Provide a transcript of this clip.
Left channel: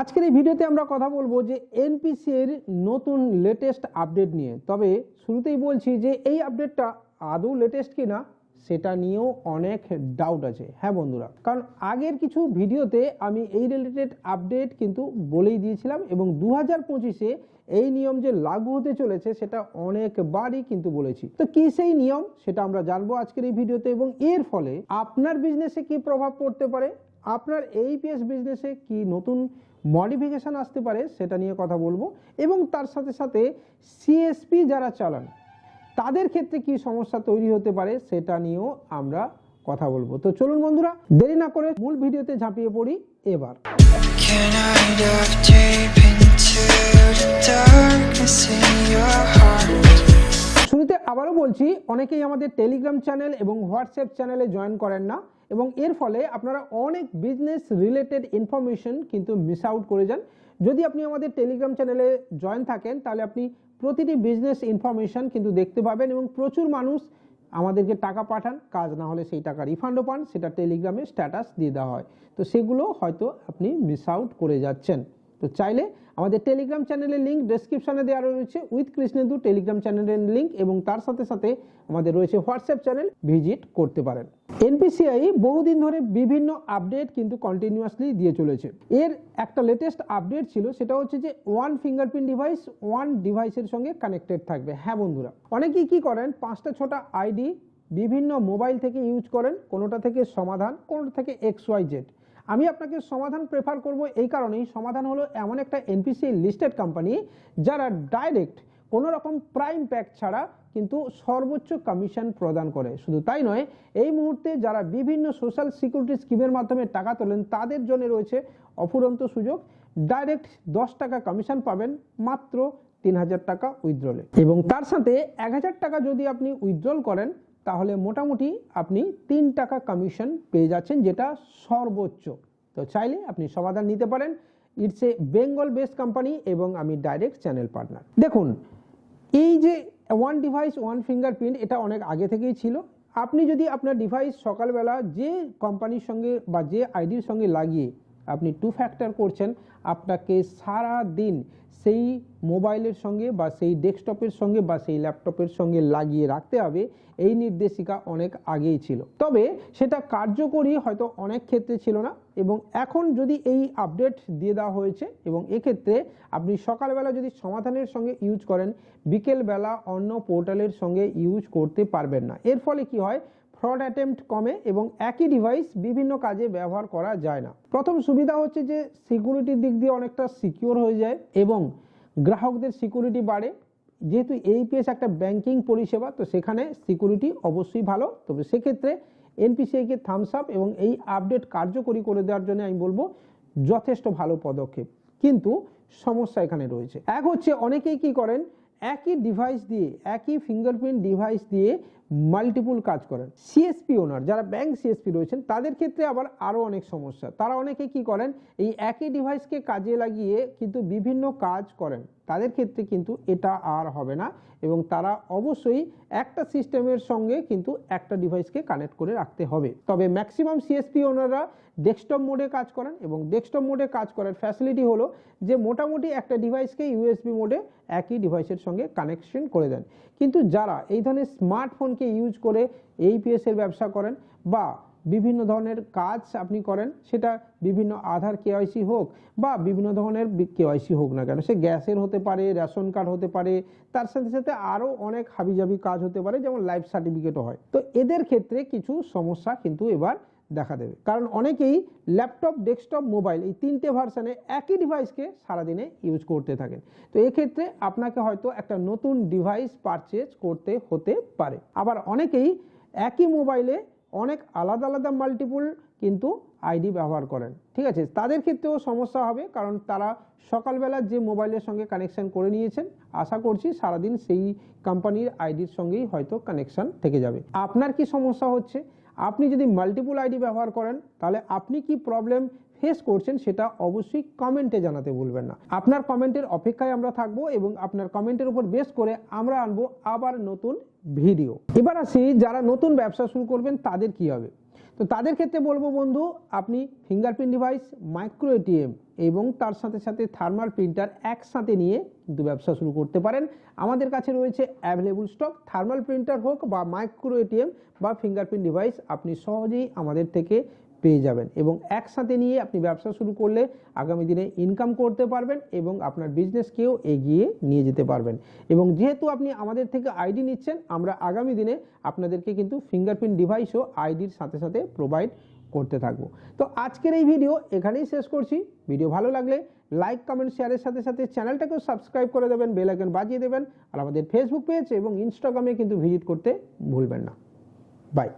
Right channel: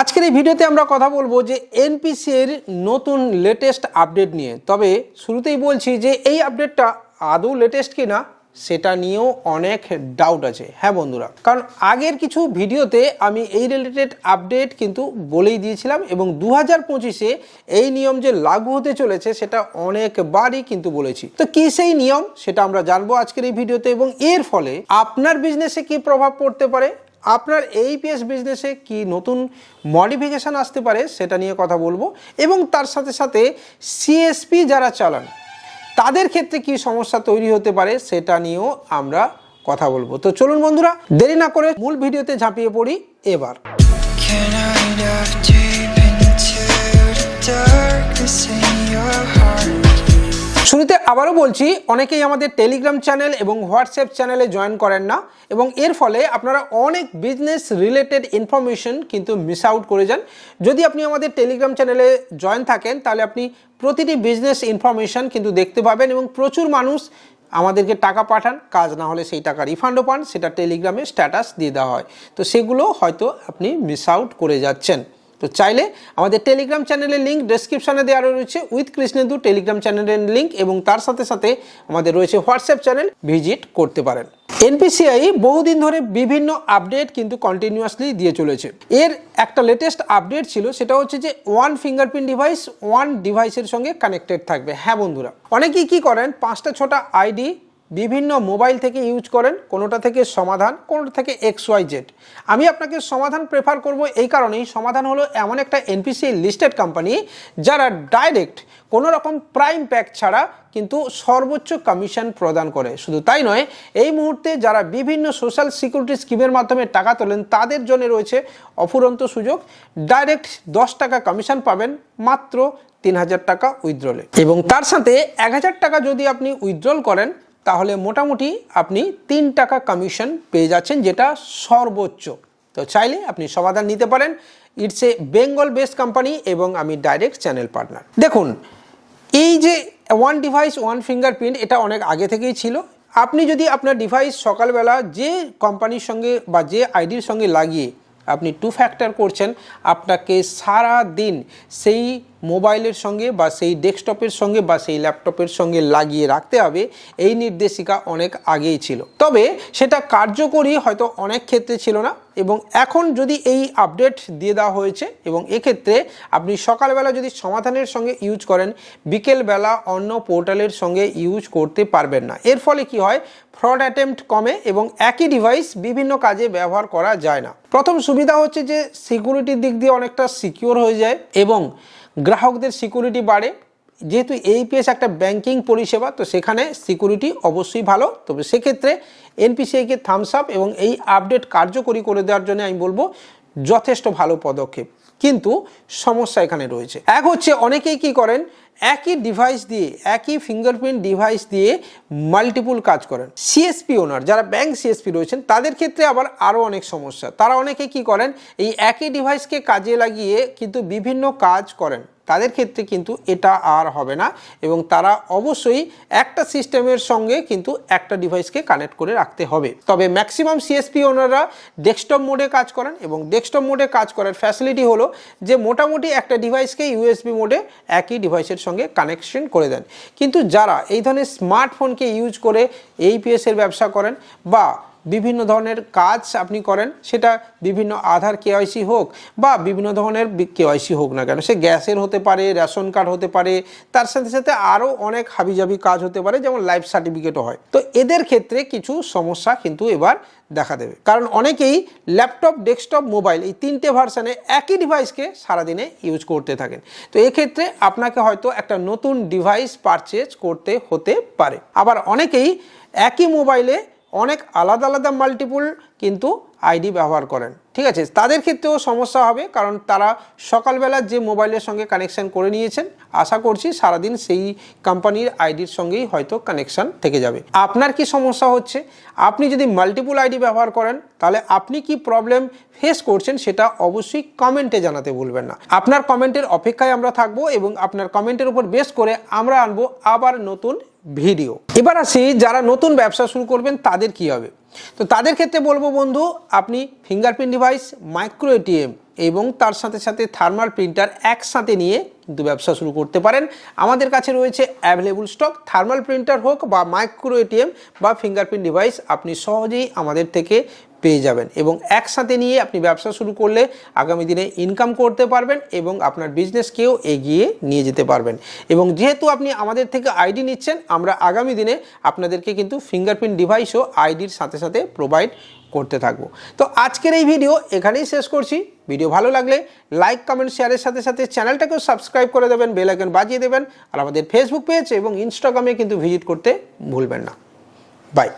আজকের এই ভিডিওতে আমরা কথা বলব যে এনপিসির নতুন লেটেস্ট আপডেট নিয়ে। তবে শুরুতেই বলছি যে এই আপডেটটা আদৌ লেটেস্ট কিনা, সেটা নিয়েও অনেক ডাউট আছে। হ্যাঁ বন্ধুরা, কারণ আগের কিছু ভিডিওতে আমি এই রিলেটেড আপডেট কিন্তু বলেই দিয়েছিলাম এবং দু হাজার পঁচিশে এই নিয়ম যে লাগু হতে চলেছে, সেটা অনেকবারই কিন্তু বলেছি। তো কি সেই নিয়ম, সেটা আমরা জানব আজকের এই ভিডিওতে এবং এর ফলে আপনার বিজনেসে কি প্রভাব পড়তে পারে? আপনার এইপিএস বিজনেসে কি নতুন মডিফিকেশান আসতে পারে সেটা নিয়ে কথা বলব এবং তার সাথে সাথে সিএসপি যারা চালান, তাদের ক্ষেত্রে কি সমস্যা তৈরি হতে পারে সেটা নিয়েও আমরা কথা বলব তো চলুন বন্ধুরা, দেরি না করে মূল ভিডিওতে ঝাঁপিয়ে পড়ি এবার darkness in your heart? শুরুতে আবারও বলছি, অনেকেই আমাদের টেলিগ্রাম চ্যানেল এবং হোয়াটসঅ্যাপ চ্যানেলে জয়েন করেন না এবং এর ফলে আপনারা অনেক বিজনেস রিলেটেড ইনফরমেশন কিন্তু মিস আউট করে যান। যদি আপনি আমাদের টেলিগ্রাম চ্যানেলে জয়েন থাকেন, তাহলে আপনি প্রতিটি বিজনেস ইনফরমেশন কিন্তু দেখতে পাবেন এবং প্রচুর মানুষ আমাদেরকে টাকা পাঠান, কাজ না হলে সেই টাকা রিফান্ডও পান, সেটা টেলিগ্রামে স্ট্যাটাস দিয়ে দেওয়া হয়। তো সেগুলো হয়তো আপনি মিস আউট করে যাচ্ছেন। তো চাইলে আমাদের টেলিগ্রাম চ্যানেলের লিঙ্ক ডেসক্রিপশানে দেওয়া রয়েছে। উইথ কৃষ্ণেন্দু টেলিগ্রাম চ্যানেলের লিঙ্ক এবং তার সাথে সাথে আমাদের রয়েছে হোয়াটসঅ্যাপ চ্যানেল ভিজিট করতে পারেন। এনপিসিআই বহুদিন ধরে বিভিন্ন আপডেট কিন্তু কন্টিনিউয়াসলি দিয়ে চলেছে। এর একটা লেটেস্ট আপডেট ছিল, সেটা হচ্ছে যে ওয়ান ফিঙ্গারপ্রিন্ট ডিভাইস ওয়ান ডিভাইসের সঙ্গে কানেক্টেড থাকবে। হ্যাঁ বন্ধুরা, অনেকেই কি করেন, পাঁচটা, ছটা আইডি বিভিন্ন মোবাইল থেকে ইউজ করেন, কোনোটা থেকে সমাধান, কোনোটা থেকে এক্স ওয়াই জেড আমি আপনাকে সমাধান প্রেফার করব এই কারণেই। সমাধান হলো এমন একটা এনপিসি লিস্টেড কোম্পানি যারা ডাইরেক্ট কোনো রকম প্রাইম প্যাক ছাড়া কিন্তু সর্বোচ্চ কমিশন প্রদান করে। শুধু তাই নয়, এই মুহূর্তে যারা বিভিন্ন সোশ্যাল সিকিউরিটি স্কিমের মাধ্যমে টাকা তোলেন, তাদের জন্য রয়েছে অফুরন্ত সুযোগ। ডাইরেক্ট দশ টাকা কমিশন পাবেন মাত্র তিন হাজার টাকা উইথড্রলে এবং তার সাথে এক হাজার টাকা যদি আপনি উইথড্রল করেন তাহলে মোটামুটি আপনি তিন টাকা কমিশন পেয়ে যাচ্ছেন, যেটা সর্বোচ্চ। তো চাইলে আপনি সমাধান নিতে পারেন। It's a Bengal based company এবং আমি ডাইরেক্ট চ্যানেল পার্টনার দেখুন, এই যে ওয়ান ডিভাইস ওয়ান ফিঙ্গারপ্রিন্ট এটা অনেক আগে থেকেই ছিল। আপনি যদি আপনার ডিভাইস সকালবেলা যে কোম্পানির সঙ্গে বা যে আইডির সঙ্গে লাগিয়ে আপনি টু ফ্যাক্টর করছেন, আপনাকে সারা দিন সেই মোবাইলের সঙ্গে বা সেই ডেস্কটপের সঙ্গে বা সেই ল্যাপটপের সঙ্গে লাগিয়ে রাখতে হবে, এই নির্দেশিকা অনেক আগেই ছিল। তবে সেটা কার্যকরী হয়তো অনেক ক্ষেত্রে ছিল না এবং এখন যদি এই আপডেট দিয়ে দেওয়া হয়েছে এবং এক্ষেত্রে আপনি সকালবেলা যদি সমাধানের সঙ্গে ইউজ করেন, বিকেলবেলা অন্য পোর্টালের সঙ্গে ইউজ করতে পারবেন না। এর ফলে কি হয়? ফ্রড অ্যাটেম্প্ট কমে এবং একই ডিভাইস বিভিন্ন কাজে ব্যবহার করা যায় না। প্রথম সুবিধা হচ্ছে যে, সিকিউরিটির দিক দিয়ে অনেকটা সিকিওর হয়ে যায় এবং গ্রাহকদের সিকিউরিটি বাড়ে। যেহেতু এইপিএস একটা ব্যাংকিং পরিষেবা, তো সেখানে সিকিউরিটি অবশ্যই ভালো। তবে সেক্ষেত্রে এনপিসিআইকে থামস আপ এবং এই আপডেট কার্যকরী করে দেওয়ার জন্য আমি বলব, যথেষ্ট ভালো পদক্ষেপ। কিন্তু সমস্যা এখানে রয়েছে। এক হচ্ছে অনেকেই কি করেন একই ডিভাইস দিয়ে, একই ফিঙ্গারপ্রিন্ট ডিভাইস দিয়ে মাল্টিপুল কাজ করেন। সিএসপি ওনার যারা ব্যাংক সিএসপি রয়েছেন, তাদের ক্ষেত্রে আবার আরও অনেক সমস্যা। তারা অনেকে কি করেন, এই একই ডিভাইসকে কাজে লাগিয়ে কিন্তু বিভিন্ন কাজ করেন। তাদের ক্ষেত্রে কিন্তু এটা আর হবে না এবং তারা অবশ্যই একটা সিস্টেমের সঙ্গে কিন্তু একটা ডিভাইসকে কানেক্ট করে রাখতে হবে। তবে ম্যাক্সিমাম সিএসপি ওনাররা ডেস্কটপ মোডে কাজ করেন এবং ডেস্কটপ মোডে কাজ করার ফ্যাসিলিটি হলো যে মোটামুটি একটা ডিভাইসকে ইউএসবি মোডে একই ডিভাইসের সঙ্গে কানেকশন করে দেন। কিন্তু যারা এই ধরনের স্মার্টফোনকে ইউজ করে এইপিএসের ব্যবসা করেন বা বিভিন্ন ধরনের কাজ আপনি করেন, সেটা বিভিন্ন আধার কেওয়াইসি হোক বা বিভিন্ন ধরনের কেওয়াইসি হোক না কেন, সে গ্যাসের হতে পারে, রেশন কার্ড হতে পারে, তার সাথে সাথে আরও অনেক হাবিজাবি কাজ হতে পারে, যেমন লাইফ সার্টিফিকেটও হয়। তো এদের ক্ষেত্রে কিছু সমস্যা কিন্তু এবার দেখা দেবে। কারণ অনেকেই ল্যাপটপ, ডেস্কটপ, মোবাইল এই তিনটে ভার্সানে একই ডিভাইসকে সারাদিনে ইউজ করতে থাকেন। তো এক্ষেত্রে আপনাকে হয়তো একটা নতুন ডিভাইস পারচেজ করতে হতে পারে। আবার অনেকেই একই মোবাইলে অনেক আলাদা আলাদা মাল্টিপুল কিন্তু আইডি ব্যবহার করেন। ঠিক আছে? তাদের ক্ষেত্রেও সমস্যা হবে কারণ তারা সকালবেলা যে মোবাইলের সঙ্গে কানেকশন করে নিয়েছেন, আশা করছি সারাদিন সেই কোম্পানির আইডির সঙ্গেই হয়তো কানেকশন থেকে যাবে। আপনার কি সমস্যা হচ্ছে? আপনি যদি মাল্টিপুল আইডি ব্যবহার করেন, তাহলে আপনি কি প্রবলেম ফেস করছেন সেটা অবশ্যই কমেন্টে জানাতে ভুলবেন না। আপনার কমেন্টের অপেক্ষায় আমরা থাকব এবং আপনার কমেন্টের উপর বেস করে আমরা আনব আবার নতুন ভিডিও। এবার আসি যারা নতুন ব্যবসা শুরু করবেন তাদের কি হবে? তো তাদের ক্ষেত্রে বলব বন্ধু, আপনি ফিঙ্গারপ্রিন্ট ডিভাইস মাইক্রো এটিএম এবং তার সাথে সাথে থার্মাল প্রিন্টার একসাথে নিয়ে কিন্তু ব্যবসা শুরু করতে পারেন। আমাদের কাছে রয়েছে অ্যাভেলেবল স্টক থার্মাল প্রিন্টার হোক বা মাইক্রো এটিএম বা ফিঙ্গারপ্রিন্ট ডিভাইস আপনি সহজেই আমাদের থেকে পেয়ে যাবেন এবং একসাথে নিয়ে আপনি ব্যবসা শুরু করলে আগামী দিনে ইনকাম করতে পারবেন এবং আপনার বিজনেসকেও এগিয়ে নিয়ে যেতে পারবেন। এবং যেহেতু আপনি আমাদের থেকে আইডি নিচ্ছেন, আমরা আগামী দিনে আপনাদেরকে কিন্তু ফিঙ্গারপ্রিন্ট ডিভাইসও আইডির সাথে সাথে প্রোভাইড করতে থাকব। তো আজকের এই ভিডিও এখানেই শেষ করছি। ভিডিও ভালো লাগলে লাইক কমেন্ট শেয়ারের সাথে সাথে চ্যানেলটাকেও সাবস্ক্রাইব করে দেবেন বেল আইকন বাজিয়ে দেবেন। আর আমাদের ফেসবুক পেজ এবং ইনস্টাগ্রামে কিন্তু ভিজিট করতে ভুলবেন না। বাই